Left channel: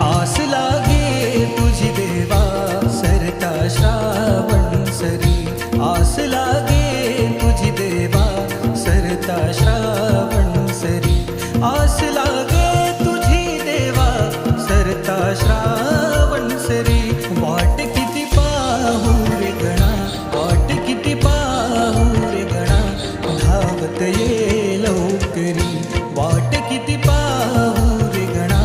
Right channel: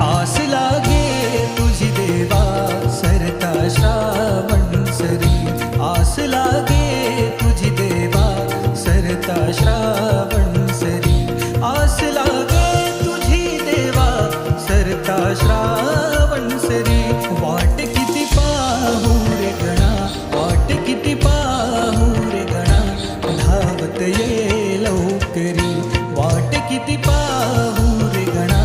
आस लागे तुझी देवा सरता श्रावण सरी, आस लागे तुझी देवा सरता श्रावण सरी, आस लागे तुझी देवा सरता श्रावण सरी. वाट किती पाहू रे गणा, वाट किती पाहू रे गणा, धावत ये लवकरी. वाट किती पाहू रे गणा,